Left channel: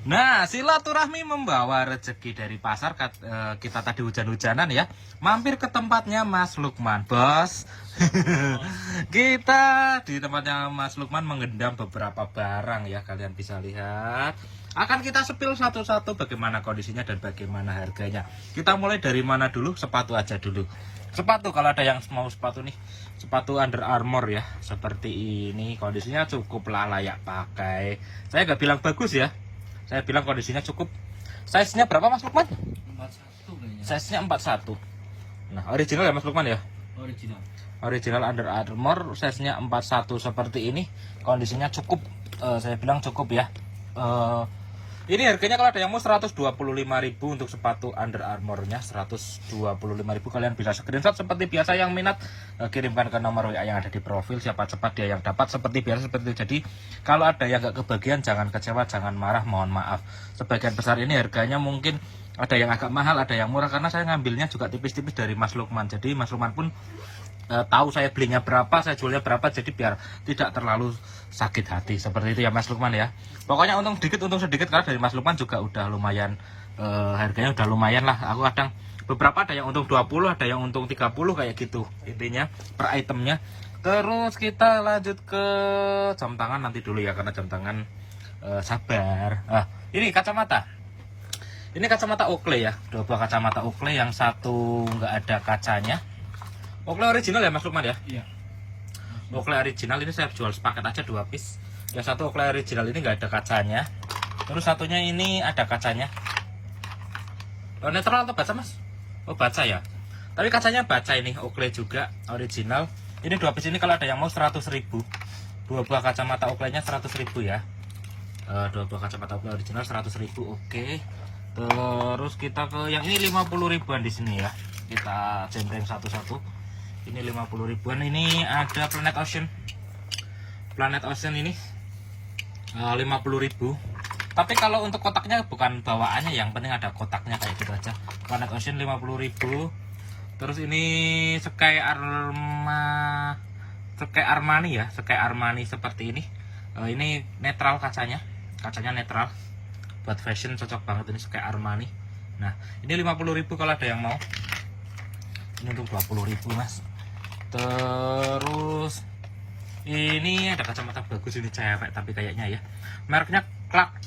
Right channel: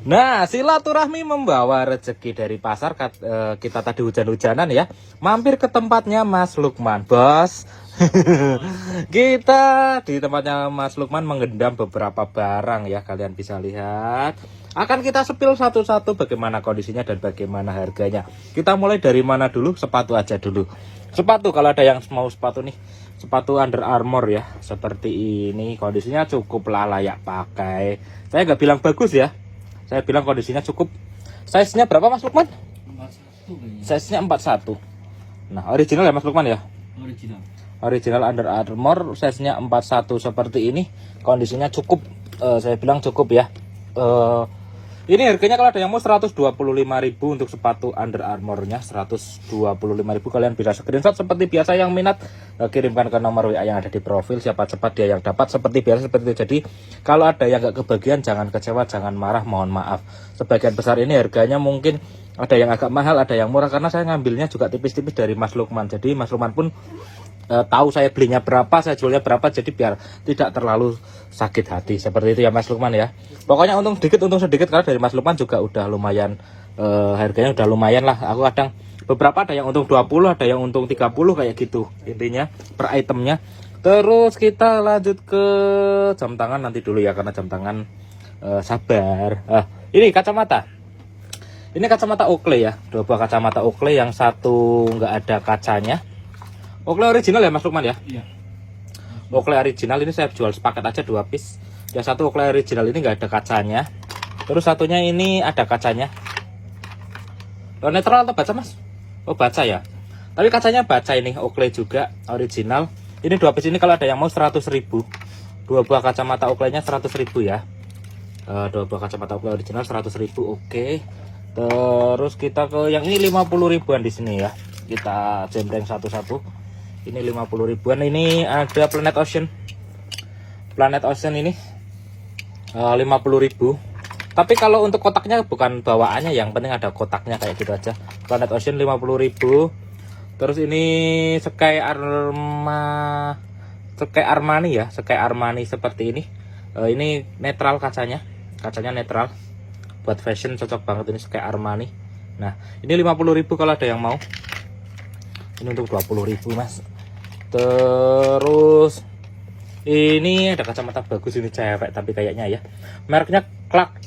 Nah, silaturahmi membawa rezeki dari pasar. Kita tadi hujan-hujanan ya, mampir ke tempatnya Mas Lukman, bos. Kita di tempatnya Mas Lukman mengendam beberapa barang ya, kalian bisa lihat. Akan kita sepil satu-satu bagaimana kondisinya dan bagaimana harganya. Kita mulai dari mana dulu? Sepatu aja dulu. Sepatu, kalau ada yang mau sepatu nih, sepatu Under Armour ya, seperti ini. Kondisinya cukup layak pakai. Saya nggak bilang bagus ya, saya bilang kondisinya cukup. Size-nya berapa Mas Lukman? 41 kayaknya. Size-nya 41. Nah, original ya Mas Lukman ya? Original. Original Under Armour, size-nya 41 seperti ini. Kondisinya cukup, saya bilang cukup ya. Ini harganya kalau ada yang mau 125.000 untuk sepatu Under Armour-nya, 125.000. Kalian bisa screenshot seperti biasa, yang minat kirimkan ke nomor WA yang ada di profil. Siapa cepat dia yang dapat, seperti biasa seperti itu. Jadi kalau ada yang nggak kebagian, jangan kecewa, jangan marah, mohon maaf. Sebagian besar ini harganya mungkin ada yang agak mahal, ada yang murah, karena saya ngambilnya juga tipis-tipis dari Mas Lukman. Jadi Mas Lukman pun tahu saya belinya berapa, saya jualnya berapa, jadi biar tidak terlalu sakit hati. Seperti itu ya Mas Lukman ya. Pokoknya untung sedikit karena dari Mas Lukman juga udah lumayan, harganya udah lumayan lah. Aku kadang beberapa ada yang untung 20, ada yang untung 30 kayak gitu intinya per itemnya. Terus kita lanjut ke jam tangan nanti dulu ya, karena jam tangan sabar. Ini kacamata. Ini kacamata Oakley ya, 2 buah kacamata Oakley, yang satu nggak ada kacanya. Oakley original ya Mas Lukman ya? Iya. Oakley original ini saya jual sepaket aja 2 piece. Yang satu Oakley original ini nggak ada kacanya. Terus satunya ini ada kacanya. Netral atau baca Mas? Oh baca ya. Tapi kacanya baca ini, Oakley juga original. Ini 2 piece ini kalau ada yang mau 100.000. 2 buah kacamata Oakley-nya 100.000 ya. 2 buah kacamata Oakley original 100.000. Oke. Terus kita ke yang ini 50 ribuan di sini ya. Kita jembreng satu-satu. Ini 50 ribuan. Ini ada Planet Ocean. Planet Ocean ini 50.000. Tapi kalau untuk kotaknya bukan bawaannya, yang penting ada kotaknya kayak gitu aja. Planet Ocean 50.000. Terus ini Sky Armani ya, Sky Armani seperti ini. Ini netral kacanya. Kacanya netral. Buat fashion cocok banget ini Sky Armani. Nah, ini 50.000 kalau ada yang mau. Ini untuk 20.000 Mas. Terus ini ada kacamata bagus, ini cewek tapi kayaknya ya. Mereknya Clark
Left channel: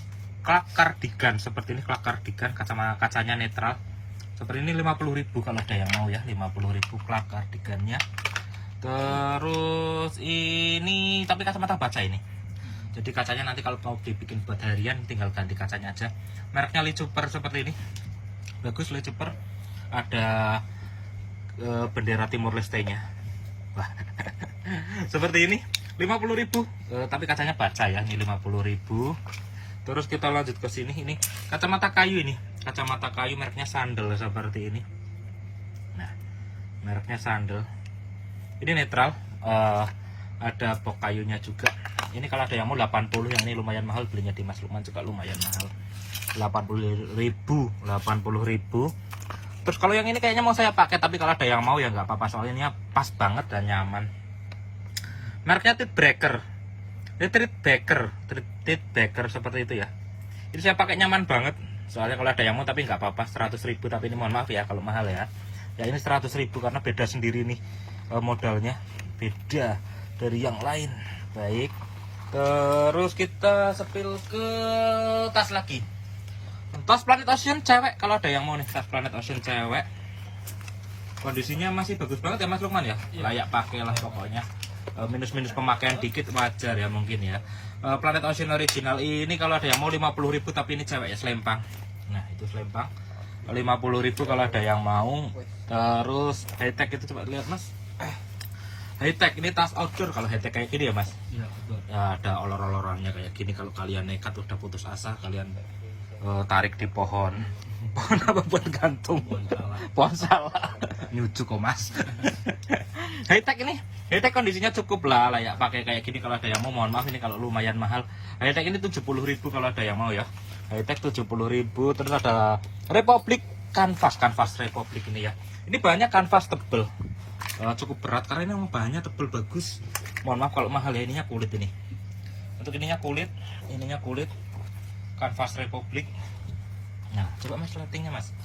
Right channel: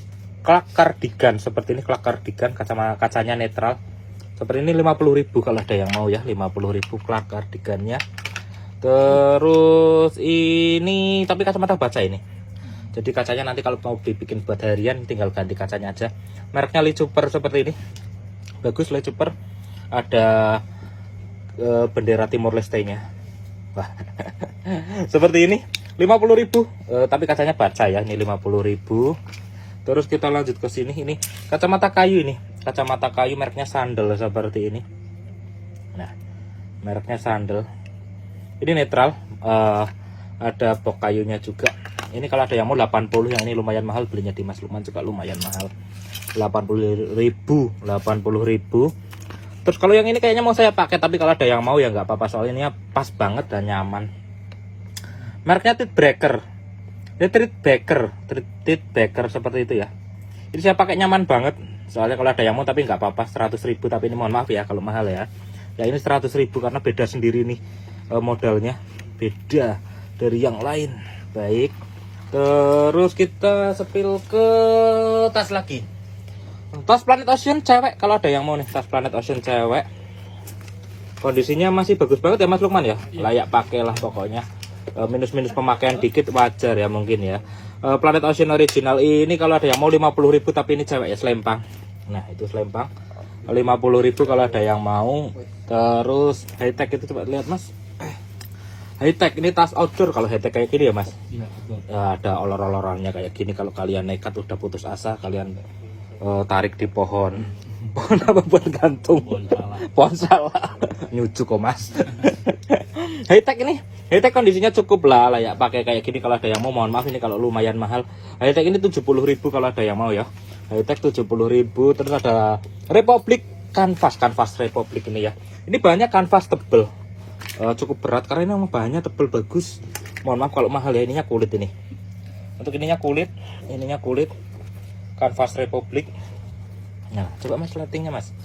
Cardigan, seperti ini Clark Cardigan, kacanya netral. Seperti ini 50.000 kalau ada yang mau ya, 50.000 Clark Cardigannya. Terus ini tapi kacamata baca ini. Jadi kacanya nanti kalau mau dibikin buat harian tinggal ganti kacanya aja. Mereknya Lee Cooper seperti ini. Bagus Lee Cooper. Ada bendera Timor Leste-nya. Wah. Seperti ini 50.000, tapi kacanya baca ya, ini 50.000. Terus kita lanjut ke sini, ini kacamata kayu, ini kacamata kayu mereknya Sandal seperti ini. Nah, mereknya Sandal. Ini netral, ada box kayunya juga. Ini kalau ada yang mau 80, yang ini lumayan mahal, belinya di Mas Lukman juga lumayan mahal. 80.000. Terus kalau yang ini kayaknya mau saya pakai, tapi kalau ada yang mau ya nggak apa-apa, soalnya ini pas banget dan nyaman. Mereknya Treat Baker seperti itu ya. Ini saya pakai nyaman banget, soalnya kalau ada yang mau tapi nggak apa-apa, 100.000. Tapi ini mohon maaf ya kalau mahal ya. Ya ini 100.000 karena beda sendiri nih, modalnya beda dari yang lain. Baik. Terus kita sepil ke tas lagi. Tas Planet Ocean cewek, kalau ada yang mau nih, tas Planet Ocean cewek. Kondisinya masih bagus banget ya Mas Lukman ya. Layak pakai lah pokoknya. Minus-minus pemakaian dikit wajar ya mungkin ya. Planet Ocean original ini kalau ada yang mau 50.000, tapi ini cewek ya, selempang. Nah, itu selempang. 50.000 kalau ada yang mau. Terus high-tech itu coba lihat Mas. High-tech ini tas outdoor, kalau high-tech kayak gini ya Mas. Iya, betul. Ya, ada olor-olorannya kayak gini. Kalau kalian nekat udah putus asa, kalian tarik di pohon apa buat gantung pohon salah nyucuk kok Mas. High-tech ini, high-tech kondisinya cukup lah layak pakai kayak gini. Kalau ada yang mau, mohon maaf ini kalau lumayan mahal. High-tech ini 70.000 kalau ada yang mau ya. High-tech 70.000. Terus ada Republic Canvas Republic ini ya. Ini bahannya kanvas tebel, cukup berat karena ini bahannya tebel bagus. Mohon maaf kalau mahal ya, ininya kulit ini. Untuk ininya kulit, kanvas Republik. Nah, coba mas lightingnya mas.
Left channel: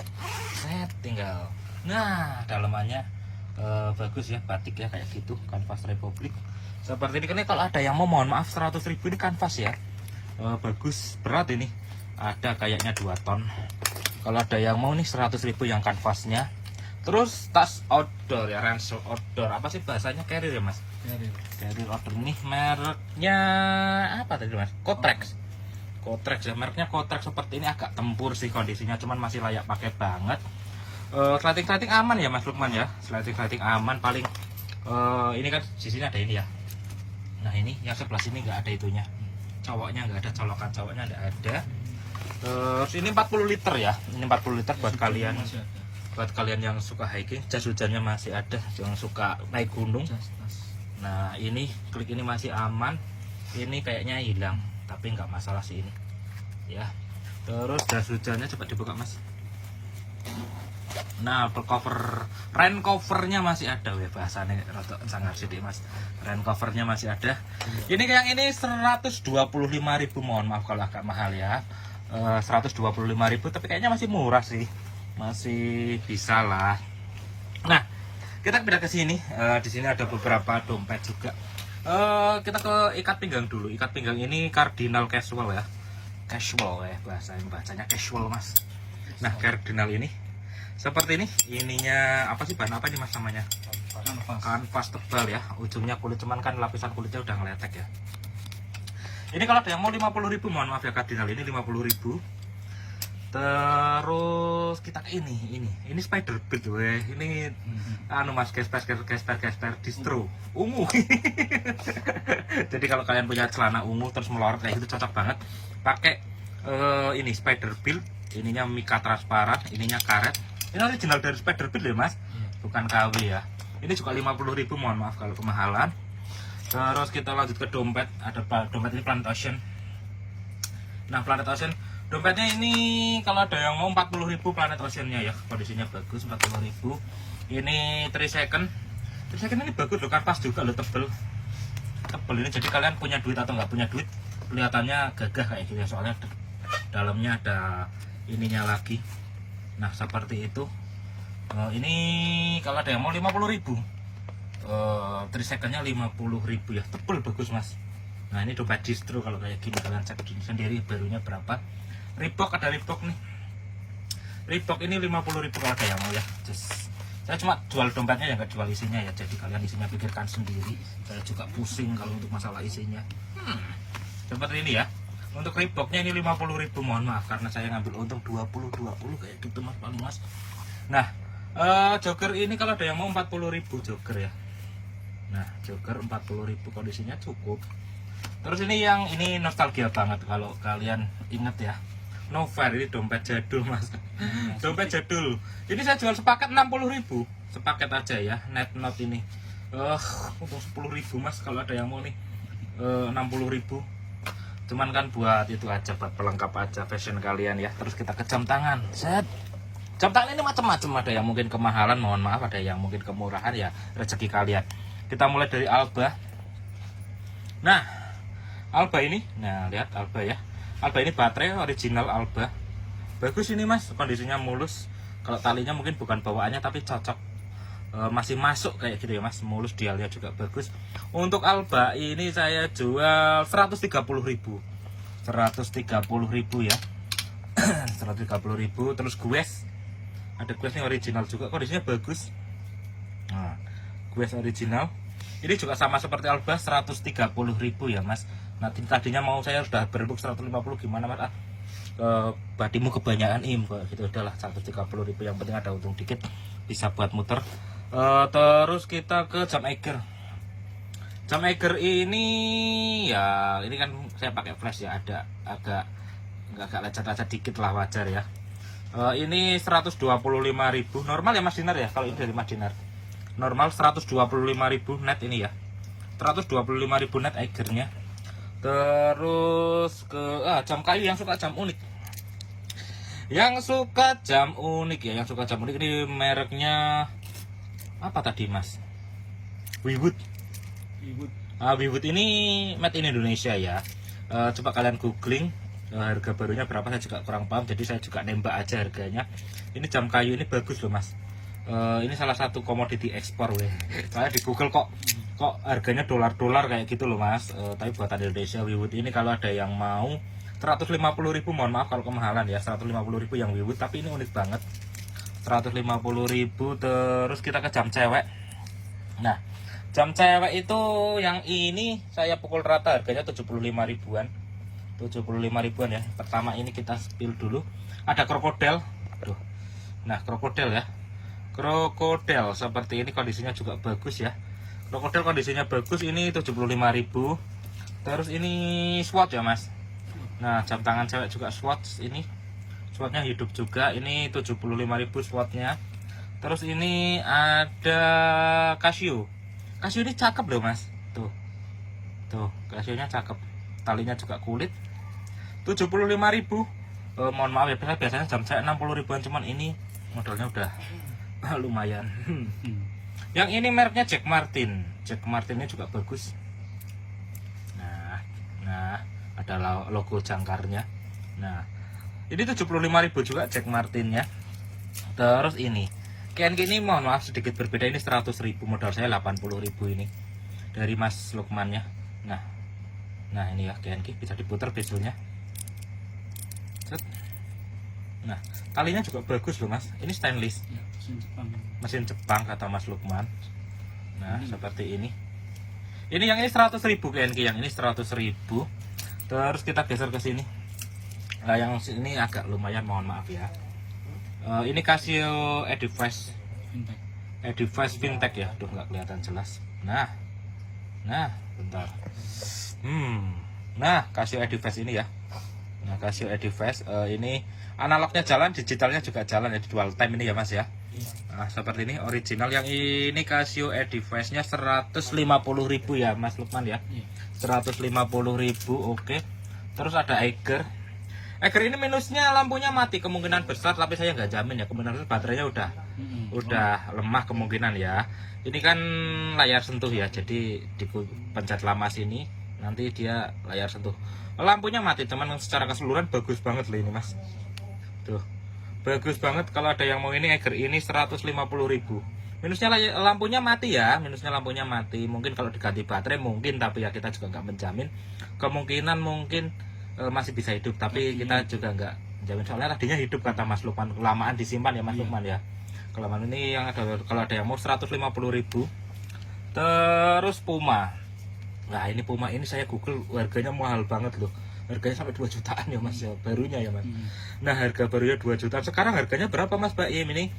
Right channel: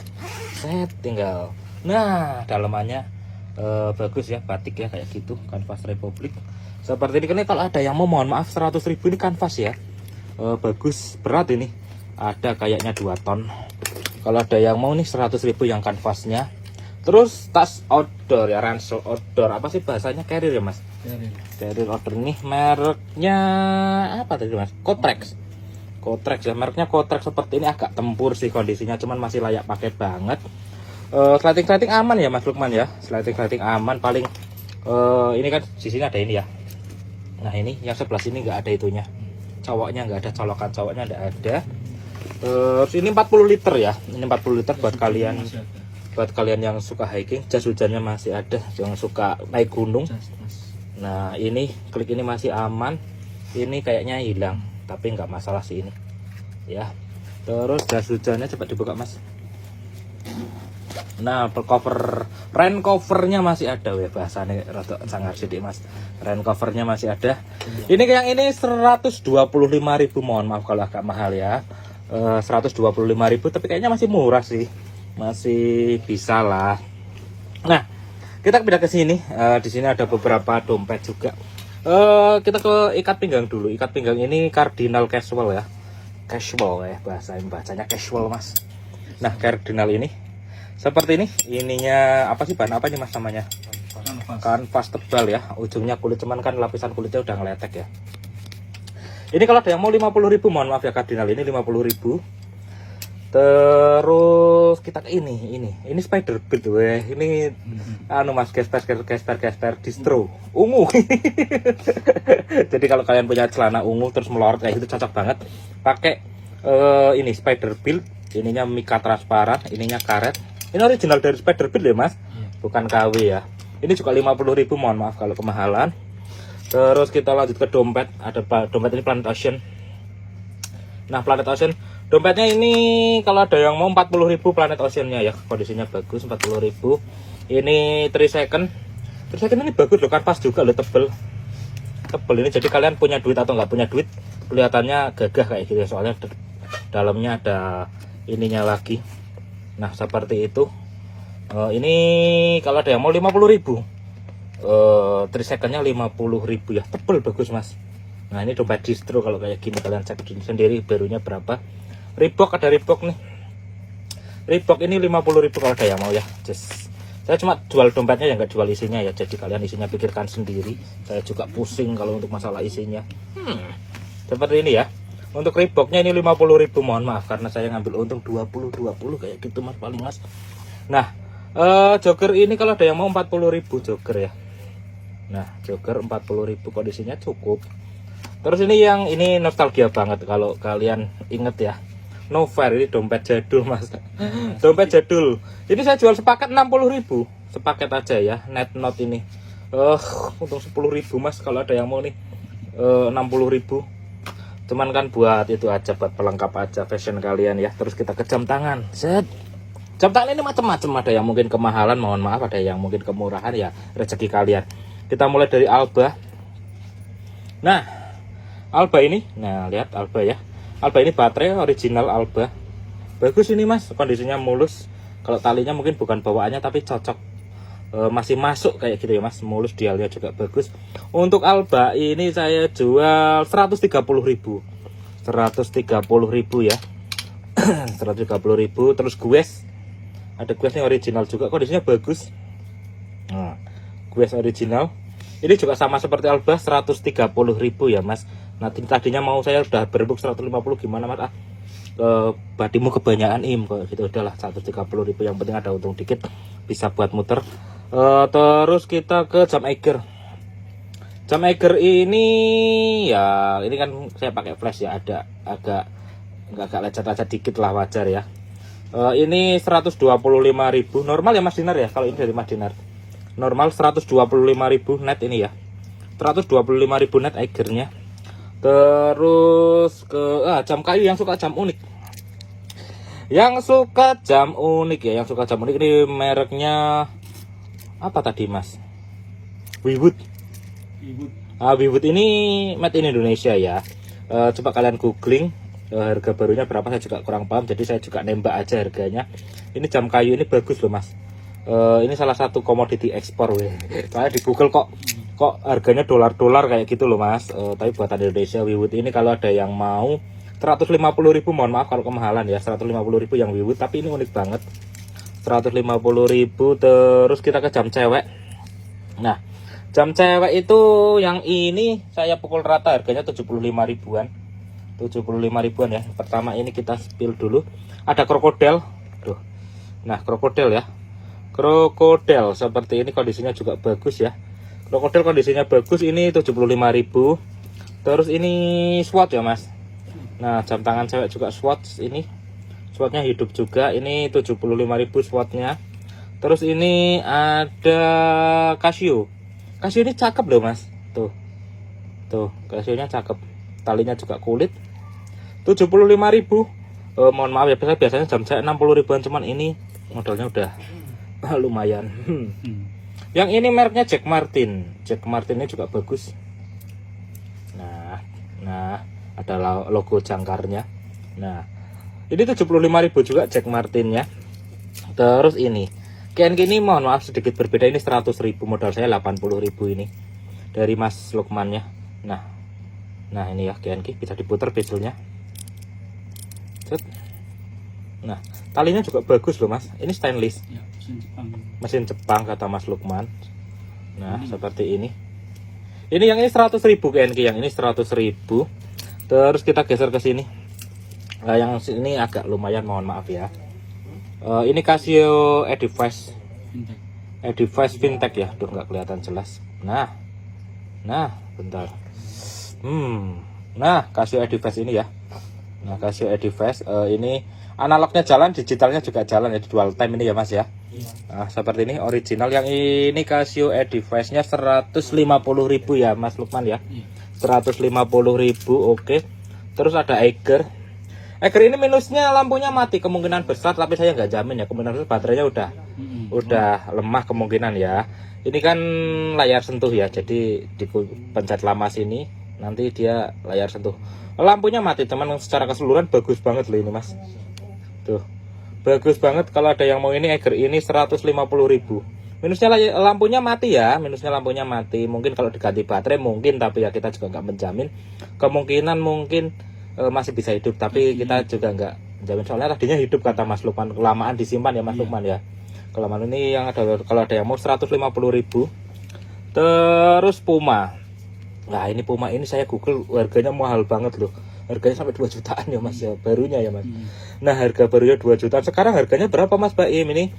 Set tinggal. Nah, dalamannya bagus ya, batik ya kayak gitu, kanvas Republik. Seperti ini kan kalau ada yang mau, mohon maaf 100.000 ini kanvas ya. Bagus, berat ini. Ada kayaknya 2 ton. Kalau ada yang mau nih 100.000 yang kanvasnya. Terus tas outdoor ya, ransel outdoor. Apa sih bahasanya, carrier ya mas? Carrier outdoor nih mereknya apa tadi mas? Kotrex. Kotrex ya, mereknya Kotrex. Seperti ini agak tempur sih kondisinya, cuman masih layak pakai banget. Sliding aman ya mas Lukman ya, sliding aman. Paling ini kan di sini ada ini ya. Nah ini yang sebelah sini nggak ada itunya, cowoknya nggak ada, colokan cowoknya nggak ada. Terus ini 40 liter ya, ini 40 liter buat kalian yang suka hiking. Jas hujannya masih ada, yang suka naik gunung. Nah ini klik ini masih aman, ini kayaknya hilang tapi nggak masalah sih ini ya. Terus jas hujannya coba dibuka mas. Nah, rain covernya masih ada ya, bahasanya rada sangar sedikit mas. Rain covernya masih ada. Ini yang ini 125.000, mohon maaf kalau agak mahal ya. 125.000 tapi kayaknya masih murah sih. Masih bisa lah. Nah, kita pindah ke sini. Di sini ada beberapa dompet juga. Kita ke ikat pinggang dulu. Ikat pinggang ini Cardinal Casual ya. Casual ya bacanya casual mas. Nah, Cardinal ini seperti ini, ininya apa sih, bahan apa nih mas namanya? Kanvas tebal ya, ujungnya kulit, cuman kan lapisan kulitnya udah ngeletek ya. Ini kalau ada yang mau 50.000, mohon maaf ya, Cardinal ini 50.000. Terus kita ke ini spider bit weh. Ini anu mas, gesper distro ungu. Jadi kalau kalian punya celana ungu terus melorot kayak gitu, cocok banget pakai ini spider bit. Ininya mika transparan, ininya karet. Ini original dari Spiderbilt ya mas, bukan KW ya. Ini juga 50.000, mohon maaf kalau kemahalan. Terus kita lanjut ke dompet. Ada dompet ini Planet Ocean. Nah Planet Ocean dompetnya ini kalau ada yang mau 40.000 Planet Oceannya ya, kondisinya bagus, 40.000. Ini 3 second. 3 second ini bagus loh, kanvas juga loh, tebel ini. Jadi kalian punya duit atau nggak punya duit, kelihatannya gagah kayak gitu ya, soalnya dalamnya ada ininya lagi. Nah seperti itu. Ini kalau ada yang mau 50.000, 3 secondnya 50.000 ya, tebel bagus mas. Nah ini dompet distro, kalau kayak gini kalian cek sendiri barunya berapa. Reebok, ada Reebok nih. Reebok ini 50.000 kalau ada yang mau ya. Saya cuma jual dompetnya ya, nggak jual isinya ya. Jadi kalian isinya pikirkan sendiri. Saya juga pusing kalau untuk masalah isinya. Seperti ini ya. Untuk Reeboknya ini 50.000, mohon maaf karena saya ngambil untung 20 kayak gitu mas, paling mas. Nah jogger ini kalau ada yang mau 40.000 jogger ya. Nah jogger 40.000, kondisinya cukup. Terus ini nostalgia banget kalau kalian inget ya, Novair. Ini dompet jadul mas. Dompet jadul ini saya jual sepaket 60.000, sepaket aja ya, net note ini. Untung 10.000 mas kalau ada yang mau nih. 60.000, cuman kan buat itu aja, buat pelengkap aja fashion kalian ya. Terus kita ke jam tangan. Jam tangan ini macam-macam, ada yang mungkin kemahalan, mohon maaf, ada yang mungkin kemurahan ya, rezeki kalian. Kita mulai dari Alba. Nah Alba ini, nah lihat Alba ya. Alba ini baterai original Alba, bagus ini mas, kondisinya mulus. Kalau talinya mungkin bukan bawaannya tapi cocok, masih masuk kayak gitu ya mas, mulus, dialnya juga bagus. Untuk Alba ini saya jual 130.000 ya. 130.000. Terus Guess, ada Guess nih original juga, kondisinya bagus. Nah Guess original ini juga sama seperti Alba, 130.000 ya mas. Nah tadinya mau saya udah berbuk 150, gimana mas? Badimu kebanyakan gitu, udahlah 130.000, yang penting ada untung dikit, bisa buat muter. Terus kita ke jam Eiger. Jam Eiger ini ya, ini kan saya pakai flash ya, ada agak lecet-lecet dikit lah, wajar ya. Ini 125.000 normal ya Mas Dinar ya, kalau ini dari Mas Dinar. Normal 125.000 net ini ya. 125.000 net Eigernya. Terus ke jam kayu, yang suka jam unik. Yang suka jam unik ya, yang suka jam unik ini mereknya apa tadi Mas? Wewood. Wewood ini made in Indonesia ya. Coba kalian googling harga barunya berapa saya juga kurang paham, jadi saya juga nembak aja harganya. Ini jam kayu ini bagus loh mas. Ini salah satu komoditi ekspor weh. Saya di Google kok harganya dolar-dolar kayak gitu loh mas. Tapi buatan Indonesia Wiwut ini kalau ada yang mau 150.000, mohon maaf kalau kemahalan ya, 150.000 yang Wiwut, tapi ini unik banget. 150.000. Terus kita ke jam cewek. Nah, jam cewek itu yang ini saya pukul rata harganya 75 ribuan. 75 ribuan ya. Pertama ini kita spill dulu. Ada krokodil. Tuh. Nah, krokodil ya. Krokodil seperti ini kondisinya juga bagus ya. Krokodil kondisinya bagus, ini 75.000. Terus ini swatch ya mas. Nah, jam tangan cewek juga swatch ini. Swatchnya hidup juga, ini 75.000 swatchnya. Terus ini ada Casio. Casio ini cakep loh mas. Tuh. Tuh, Casionya cakep. Talinya juga kulit. 75.000. Mohon maaf ya, biasanya jam cewek 60 ribuan, cuman ini modalnya udah lumayan. Yang ini mereknya Jack Martin. Jack Martin ini juga bagus. Nah, ada logo jangkarnya. Nah, ini 75.000 juga Jack Martinnya. Terus ini KNK ini mohon maaf sedikit berbeda, ini 100.000, modal saya 80.000 ini dari Mas Lukmannya. Nah ini ya KNK, bisa diputar bezelnya. Nah, talinya juga bagus loh mas. Ini stainless Ya, mesin Jepang kata Mas Lukman. Nah seperti ini. Ini yang ini 100.000 KNK, yang ini 100.000. Terus kita geser ke sini. Nah yang ini agak lumayan, mohon maaf ya. Ini Casio Edifice Vintage ya. Duh nggak kelihatan jelas. Nah bentar. Nah Casio Edifice ini ya. Nah Casio Edifice ini analognya jalan, digitalnya juga jalan ya, dual time ini ya mas ya. Nah seperti ini original. Yang ini Casio Edifice nya 150.000 ya mas Lukman ya. 150.000. Oke. Terus ada Eiger ini minusnya lampunya mati kemungkinan besar, tapi saya nggak jamin ya, kemungkinan besar baterainya udah lemah kemungkinan ya. Ini kan layar sentuh ya, jadi dipencet lama sini nanti dia layar sentuh. Lampunya mati, teman, secara keseluruhan bagus banget loh ini mas. Tuh, bagus banget. Kalau ada yang mau ini Eiger ini 150.000. Minusnya lampunya mati ya, Mungkin kalau diganti baterai mungkin, tapi ya kita juga nggak menjamin. Kemungkinan mungkin masih bisa hidup, tapi kita juga nggak menjamin, soalnya tadinya hidup kata Mas Lukman, kelamaan disimpan ya Mas Lukman ya. Kelamaan ini yang ada, kalau ada yang mau 150.000. Terus Puma. Nah ini Puma ini saya Google harganya mahal banget loh. Harganya sampai 2 jutaan ya mas ya, barunya ya mas. Nah harga barunya 2 jutaan. Sekarang harganya berapa mas Baim ini?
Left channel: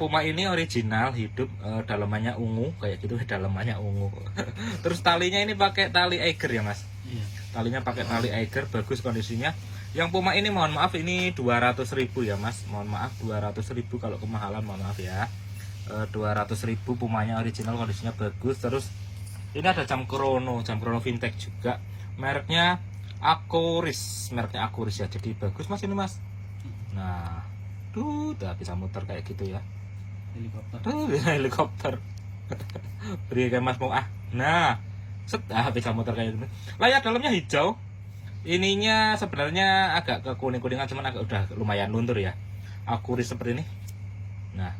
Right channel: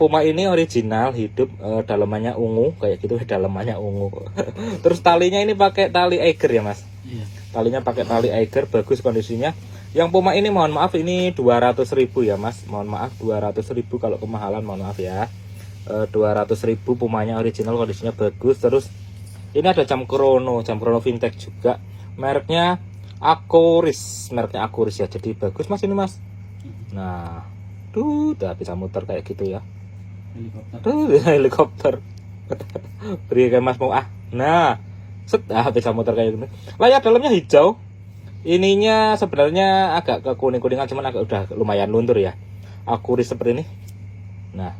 Puma ini original hidup, dalamannya ungu kayak gitu, dalamannya ungu. Terus talinya ini pakai tali Eiger ya mas. Talinya pakai tali Eiger, bagus kondisinya. Yang Puma ini mohon maaf ini 200.000 ya mas. Mohon maaf 200.000, kalau kemahalan mohon maaf ya. 200.000 Pumanya original, kondisinya bagus. Terus ini ada jam chrono vintage juga. Mereknya Akuris ya. Jadi bagus mas ini mas. Nah, udah bisa muter kayak gitu ya. Helikopter. Beri kayak mas mau Nah, bisa muter kayak gitu. Layar dalamnya hijau. Ininya sebenarnya agak ke kuning-kuningan, cuman agak udah lumayan luntur ya. Akuris seperti ini. Nah,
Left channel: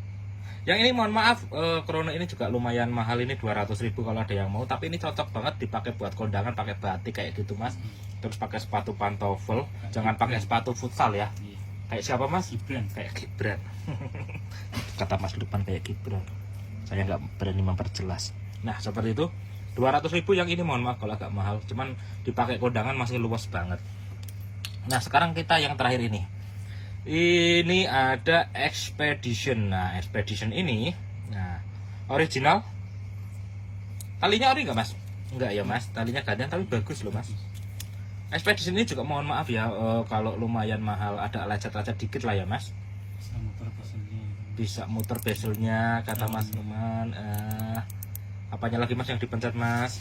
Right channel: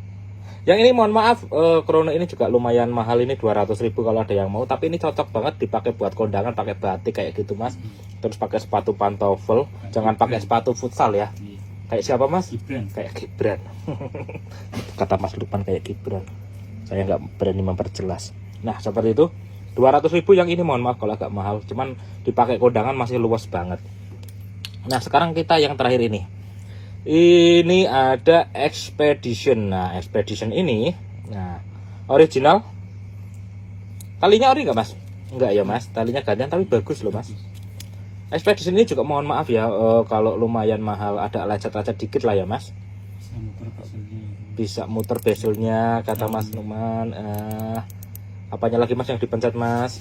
yang ini mohon maaf, Chrono ini juga lumayan mahal, ini 200.000 kalau ada yang mau. Tapi ini cocok banget dipakai buat kondangan, pakai batik kayak gitu mas. Terus pakai sepatu pantofel, jangan pakai sepatu futsal ya. Kayak siapa mas? Gibran. Kayak Gibran. Kata Mas Lukman kayak Gibran. Saya nggak berani memperjelas. Nah seperti itu. 200.000 yang ini mohon maaf kalau agak mahal, cuman dipakai kondangan masih luas banget. Nah sekarang kita yang terakhir ini. Ini ada Expedition. Nah Expedition ini, nah original. Talinya ori nggak mas? Enggak ya mas, talinya gantian tapi bagus loh mas. Expedition ini juga mohon maaf ya, kalau lumayan mahal, ada lecet-lecet dikit lah ya mas. Bisa muter bezelnya kata Mas Numan. Apanya lagi mas yang dipencet mas?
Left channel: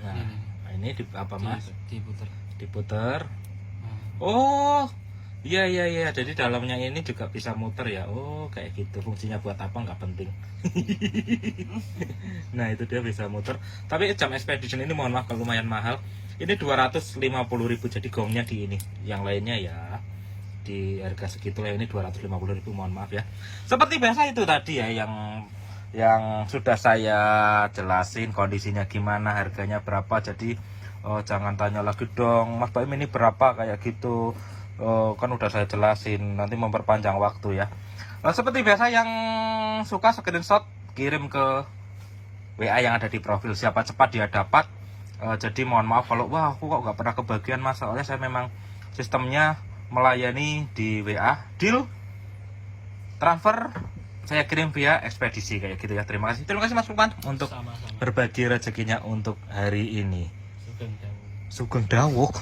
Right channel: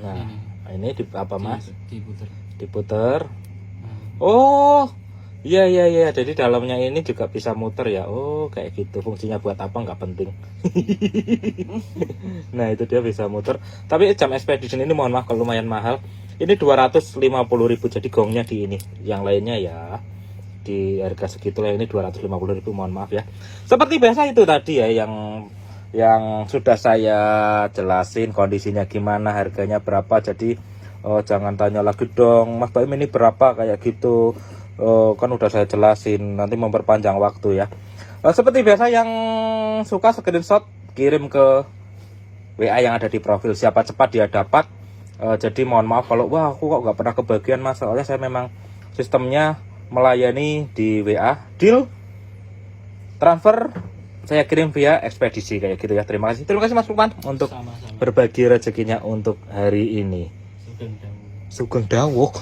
Nah ini apa mas? Diputer. Oh Iya iya iya, jadi dalamnya ini juga bisa muter ya. Oh kayak gitu, fungsinya buat apa nggak penting. Nah itu dia bisa muter. Tapi jam expedition ini mohon maaf kalau lumayan mahal. Ini 250.000, jadi gongnya di ini. Yang lainnya ya di harga segitulah, ini 250.000, mohon maaf ya. Seperti biasa itu tadi ya yang sudah saya jelasin kondisinya gimana, harganya berapa. Jadi jangan tanya lagi dong, Mas Baim ini berapa kayak gitu. Kan udah saya jelasin, nanti memperpanjang waktu ya. Seperti biasa, yang suka screenshot kirim ke WA yang ada di profil, siapa cepat dia dapat. Jadi mohon maaf kalau wah aku kok nggak pernah kebagian Mas, soalnya saya memang sistemnya melayani di WA, deal transfer saya kirim via ekspedisi kayak gitu ya. Terima kasih Mas Lukman untuk Sama-sama. berbagi rezekinya untuk hari ini. Sugeng Dawu. Sugeng dawuh.